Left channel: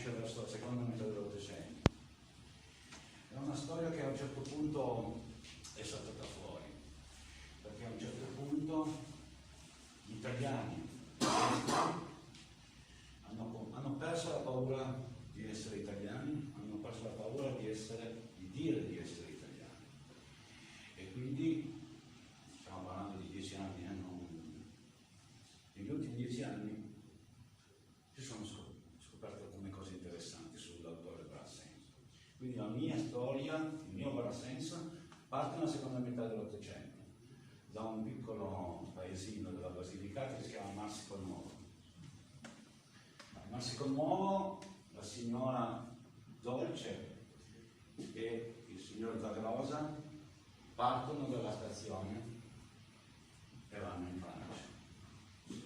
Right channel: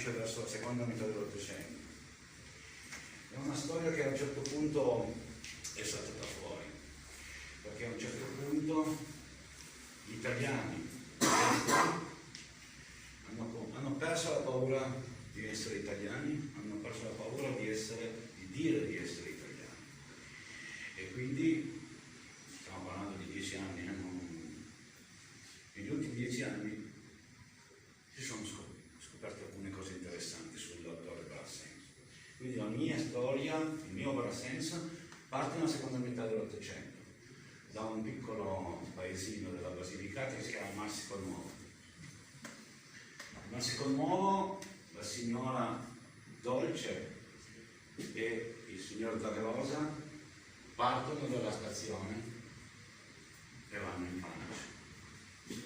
nasce verso la seconda metà dell'Ottocento. È una storia che a un certo punto è saltata fuori, perché a un certo punto gli italiani hanno perso la paura di essere italiani, hanno perso la paura di dire di essere italiani. E quindi stiamo parlando di 10 anni, negli ultimi 10 anni si sono scoperte alcune cose interessanti sull'autore Brassens. Quindi la mia storia, il mio Brassens, parte nella seconda metà dell'Ottocento, da un piccolo paesino della Basilicata che si chiama Marsico-Nuovo. A Marsico-Nuovo la signora Dolce e il signor Zagrosa partono dalla stazione e vanno in Francia.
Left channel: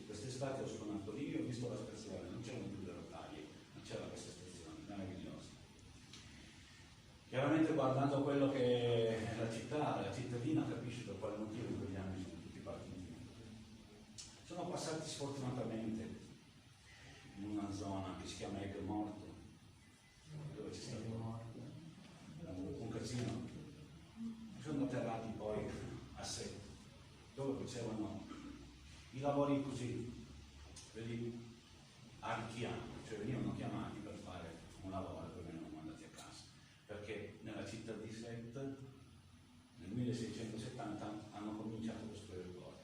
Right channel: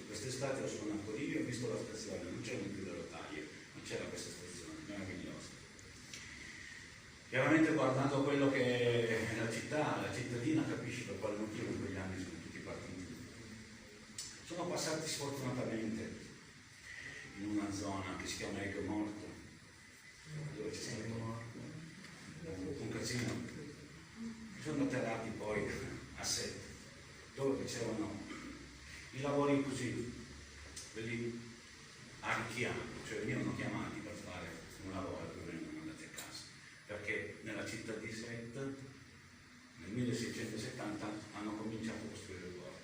Quest'estate ho suonato lì, ho visto la stazione, non c'erano più le rotaie, non c'era questa stazione, meravigliosa. Chiaramente guardando quello che è la cittadina capisci per quale motivo in quegli anni sono tutti partiti. Sono passati sfortunatamente in una zona che si chiama Ecco Morto, dove c'è stato un casino. Sono atterrati poi a Sette, dove facevano i lavori così, quelli arricchianti, cioè venivano chiamati per fare un lavoro e venivano mandati a casa, perché nella città di Sette nel 1670 hanno cominciato a costruire il porto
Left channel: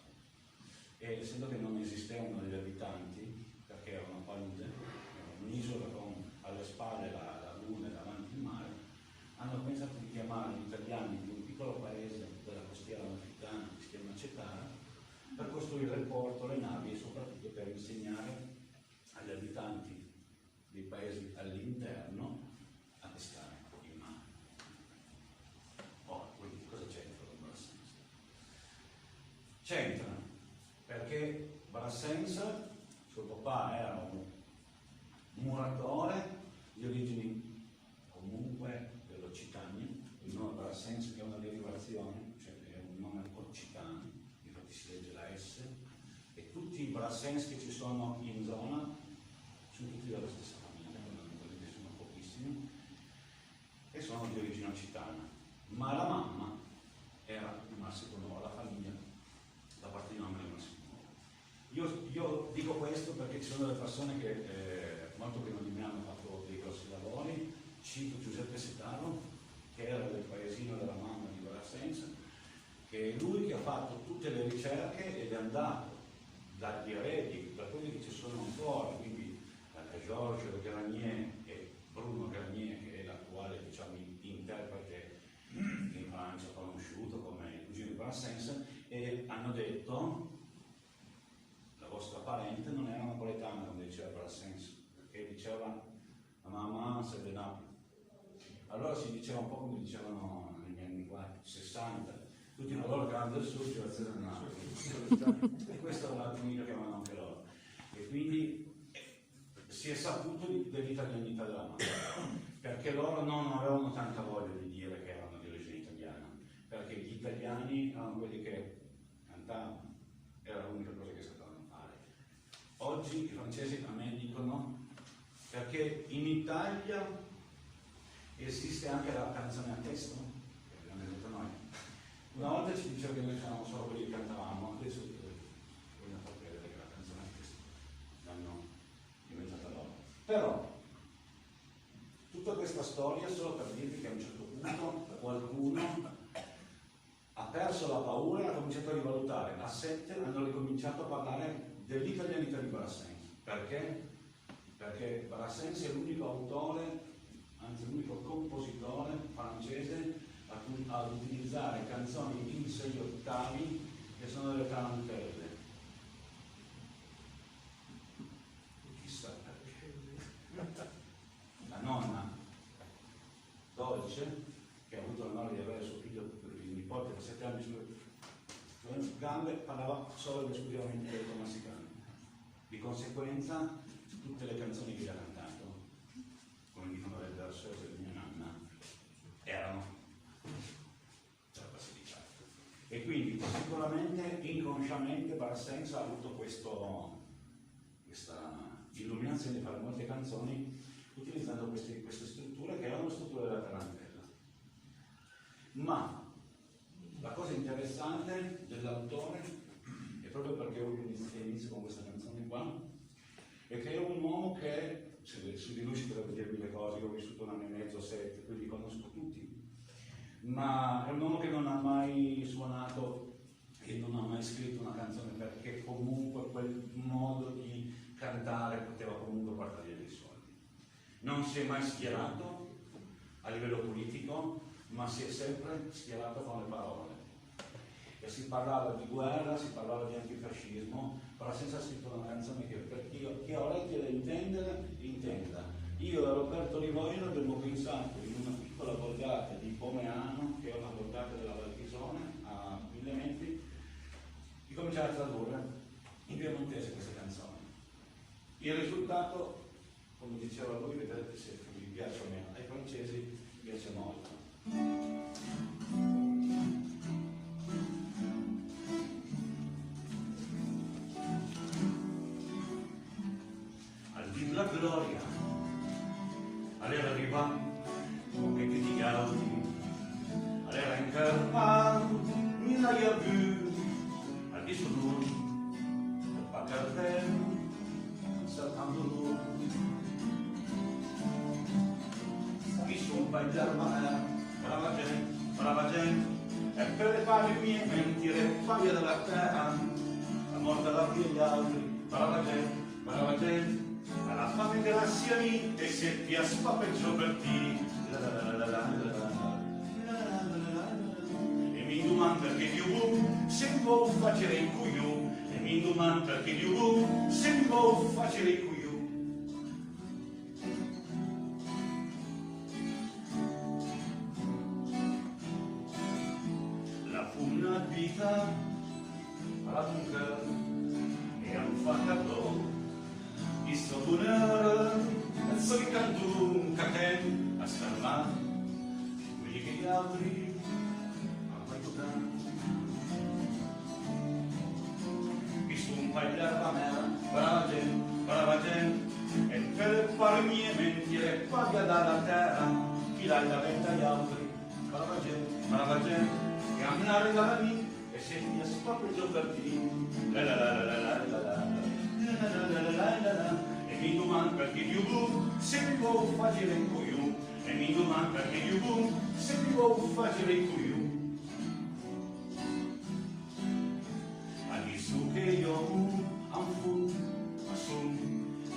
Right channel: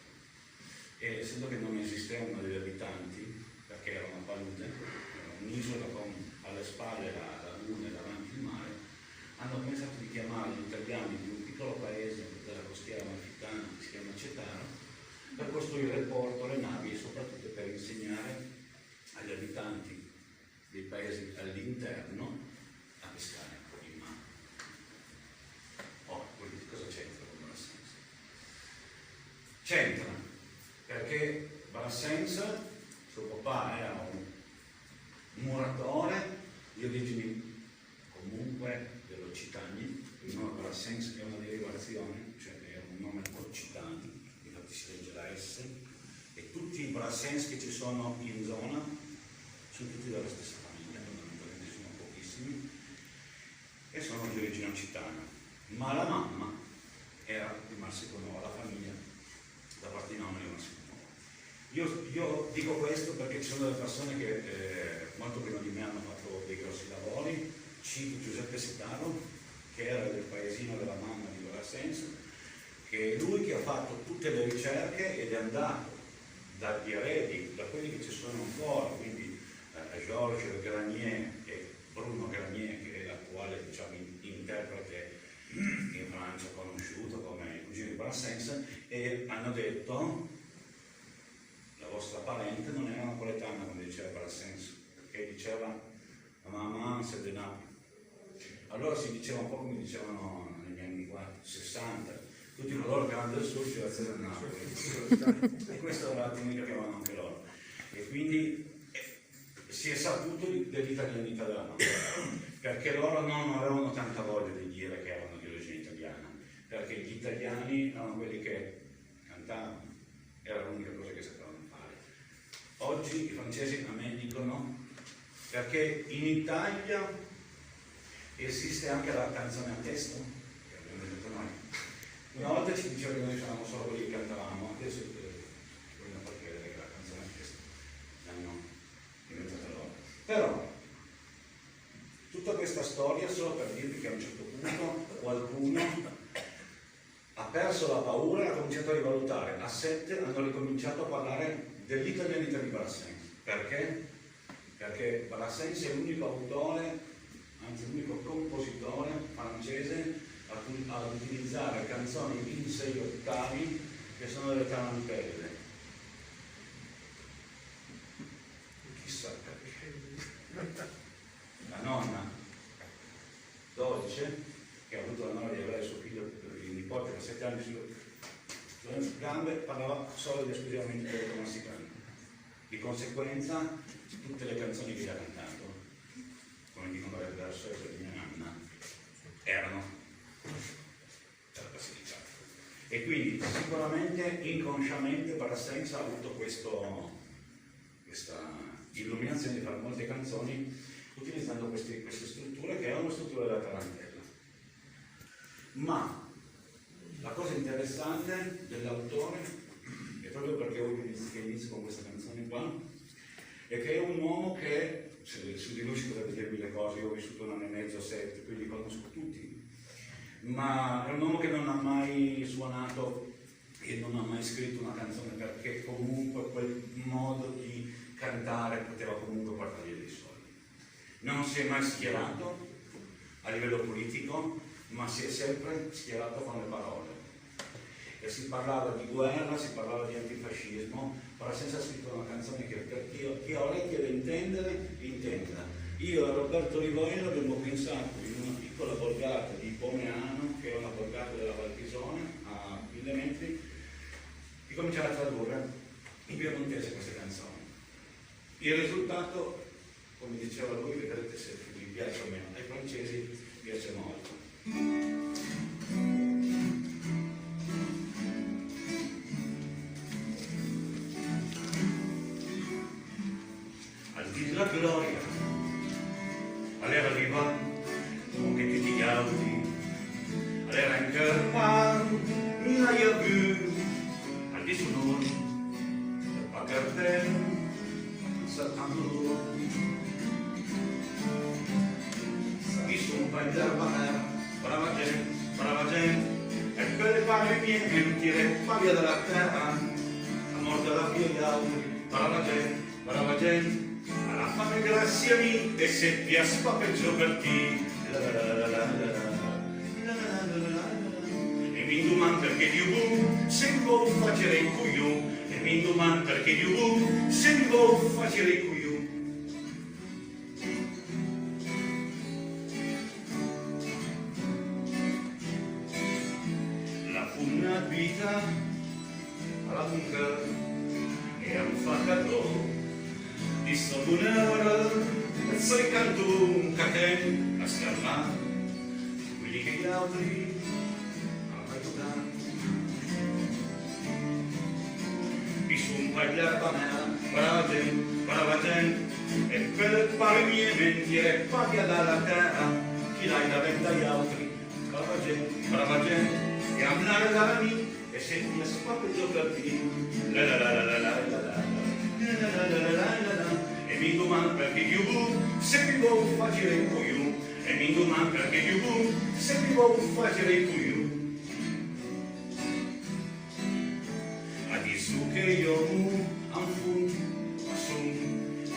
e essendo che non esistevano degli abitanti, perché era una palude, era un'isola con alle spalle la luna e davanti il mare, hanno pensato di chiamare gli italiani di un piccolo paese della costiera amalfitana che si chiama Cetaro per costruire il porto, le navi e soprattutto per insegnare agli abitanti dei paesi all'interno a pescare in mare. Ora, cosa c'entra con Brassens? C'entra perché Brassens, suo papà era un muratore di origini comunque dell'Occitania, il nome Brassens è una derivazione, cioè è un nome occitano, infatti si legge la S, e tutti i Brassens che ci sono in zona sono tutti della stessa famiglia, fondamentalmente sono pochissimi, e sono di origine occitana. Ma la mamma era di Marsico-Nuovo, la famiglia da parte di nonna di Marsico-Nuovo. Io dico questo perché ci sono delle persone che molto prima di me hanno fatto dei grossi lavori. Cito Giuseppe Setaro, che era del paesino della mamma di Brassens, che è lui che ha fatto tutte le ricerche ed è andato dagli eredi, da quelli che ci sono ancora, quindi Georges Granier e Bruno Granier, che è l'attuale interprete in Francia conosciuto come il cugino di Brassens, e hanno detto la vostra parente non era napoletana quando diceva Brassens, perché diceva la mamma c'est de Napoli. Allora si diceva un po' come dicevano negli anni 60, tutti coloro che erano del sud ci alzano a Napoli. E questo era l'attimino che avevano anche loro. E quindi si è saputo dell'italianità della mamma, perché loro non avevano tanta voglia di dire che erano di origine italiana, perché gli italiani erano quelli che cantavano, era l'unica cosa che sapevano fare. Oggi i francesi a me dicono, perché in Italia esiste anche la canzone a testo, che abbiamo detto noi. Una volta ci diceva che noi eravamo solo quelli che cantavamo, adesso vogliono far credere che la canzone a testo l'hanno inventata loro. Però tutta questa storia solo per dirvi che a un certo punto qualcuno ha perso la paura e ha cominciato a rivalutare. A Sette hanno ricominciato a parlare dell'italianità di Brassens. Perché? Perché Brassens è l'unico autore, anzi l'unico compositore francese ad utilizzare canzoni in 6 ottavi che sono delle tarantelle. Chissà perché. La nonna Dolce, che ha avuto l'onore di avere suo figlio, il nipote per 7 anni sulle gambe, parlava solo ed esclusivamente del marsicano. Di conseguenza tutte le canzoni che gli ha cantato, come dicono le verso di mia nonna, erano della Basilicata. E quindi sicuramente inconsciamente Brassens ha avuto questa illuminazione di fare molte canzoni utilizzando Ma la cosa interessante dell'autore, e proprio perché voglio che inizio con questa canzone qua, è che è un uomo che, su di lui si potrebbe dirmi le cose, io ho vissuto 1 anno e mezzo, 7, quindi conosco tutti, ma è un uomo che non ha mai suonato e non ha mai scritto una canzone, perché comunque quel modo di cantare poteva comunque portargli dei soldi. Non si è mai schierato a livello politico, ma si è sempre schierato con le parole. E si parlava di guerra, si parlava di antifascismo, però senza scritto una canzone che per chi ha orecchie da intendere, intenda. Io e Roberto Rivoglio abbiamo pensato in una piccola borgata di Pomeano, che è una borgata della Valpisone, a 1000 metri, di cominciare a tradurre in piemontese queste canzoni. Il risultato, come diceva lui, vedrete se vi piace o meno, ai francesi piace molto. Al di della gloria, all'era arriva come tutti gli altri, all'era incarnata, il a vu, al di su noi, pas per terra, saltando loro. Mi sono bagliato ma brava gente, e per le palle mie che tire via dalla terra, la morte la via gli altri, brava gente, alla fame grazie a me, e se ti aspapeggio per ti, e mi domando perché Dio se mi vuoi facere il coglione, e mi domando perché Dio se mi vuoi facere il coglione. Una vita alla mujer e a un faccador di un'ora e sei cantun caten a scarmà quelli che gli altri hanno aiutato mi son pagliata me brava gente e per le pare mie mentiere paglia dalla terra chi l'hai da venta agli altri brava gente e andare da me e se ti aspapeggio per te e mi domando perché Dio se mi vuoi facere il coglione e mi domando perché Dio se mi vuoi facere il coglione a disu che io anfu ma son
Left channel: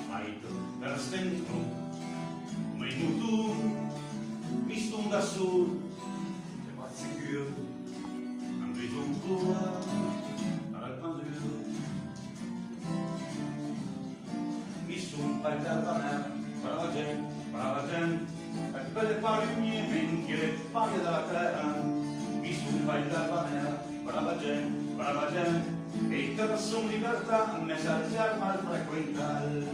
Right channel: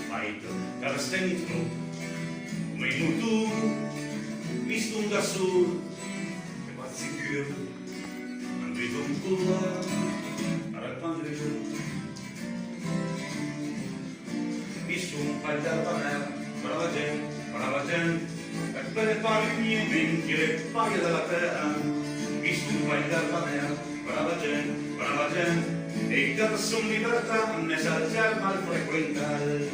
faito per stentro come in tu mi sto da solo e va sicuro mi sono pagliata me, brava gente, e per le palle mie mentire, paglia dalla terra, mi sono pagliata me, brava gente, e che sono libertà, ne sa mal frequentare.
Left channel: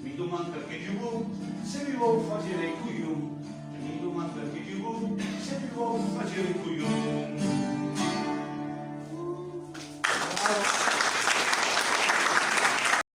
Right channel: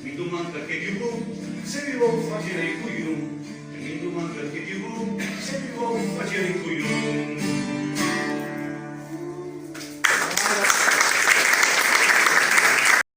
Mi domando perché Dio se mi vuoi facere il coglione, e mi domando perché